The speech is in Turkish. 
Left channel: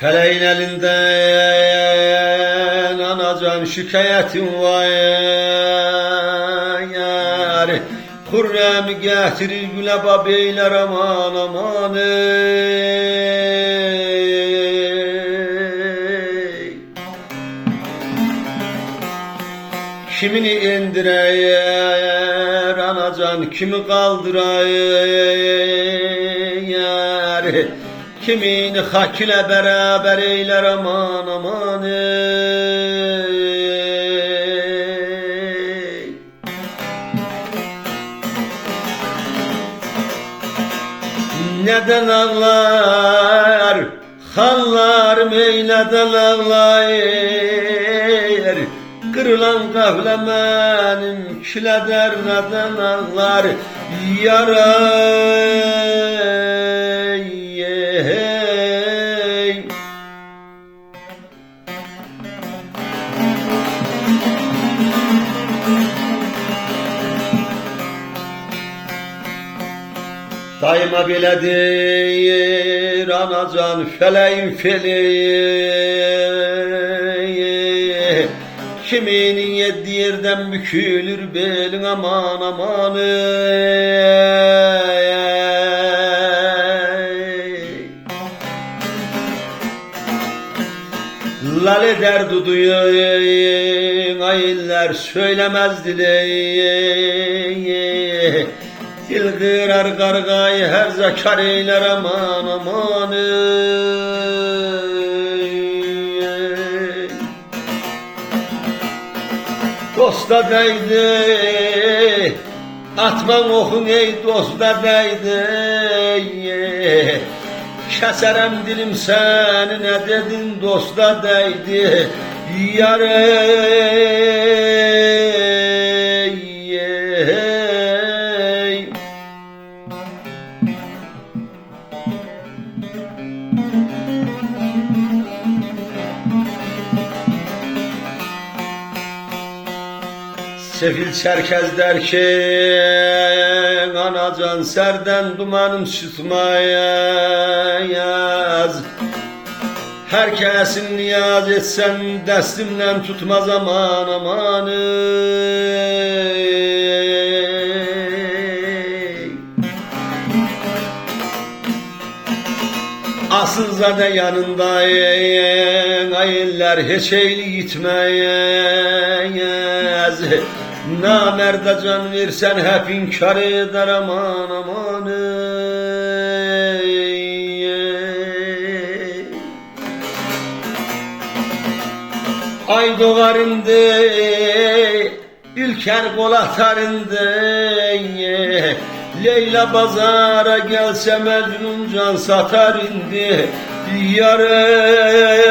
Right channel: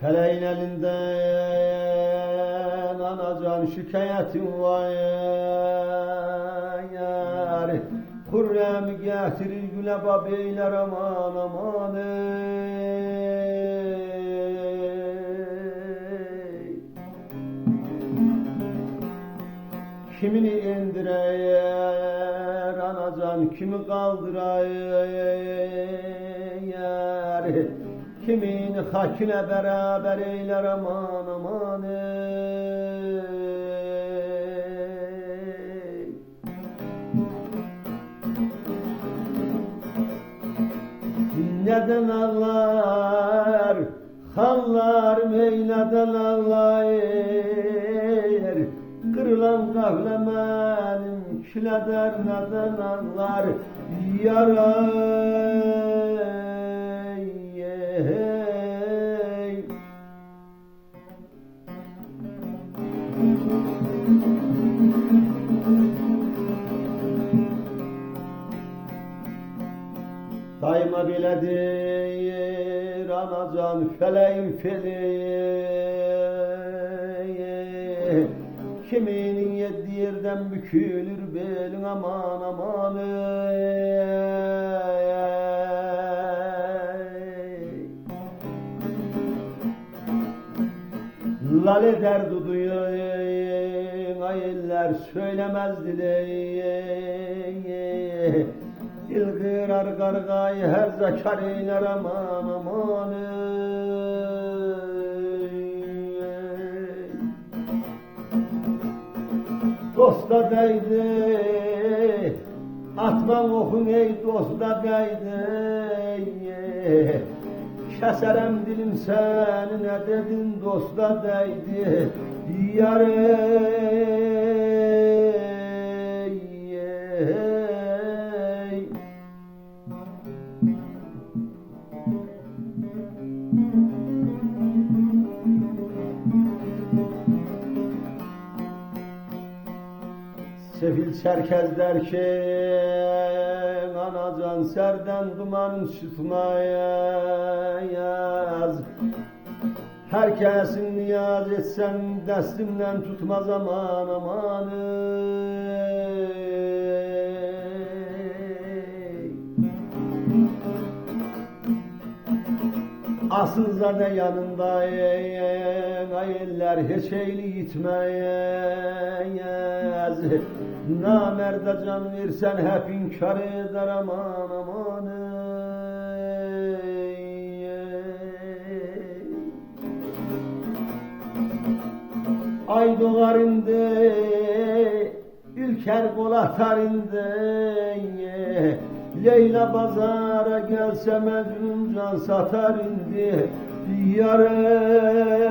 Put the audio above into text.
Feleğin elinden anacan şikayetin var yar. Hürrem getirir güleba beyler aman aman ey. Kimini indirer anacan kimi kaldırayar. Kimini hak ile beraber eyler aman aman ey. Neden ağlar hallar meyleden ağlar. Kırılan kahlemenim kileder neden ağlar yaray. Daima biledir anacan feleğin feleği. Kiminin yedi yerden bükülür belin aman aman ey. Lale derdi duyun ayiller söylemez dileği. Dil kırar kargayı her zakar eyler aman aman ey. Dosta değdi atman okun ey dosta değdi. Keserem dilim seni ne dedin dosta değdi yar ey. Sefil çerkez derken anacan serden dumanım çıkmayaz. Herkesin niyaz etsem destimden tutmaz aman aman ey. Asıl zade yanındayın ayiller hiç eyli gitmeyez. Namerde can versen hep inkar eder aman aman ey. Ay doğarında ülker kol atarında Leyla pazara gelse Mecnun can satar indi yar ey.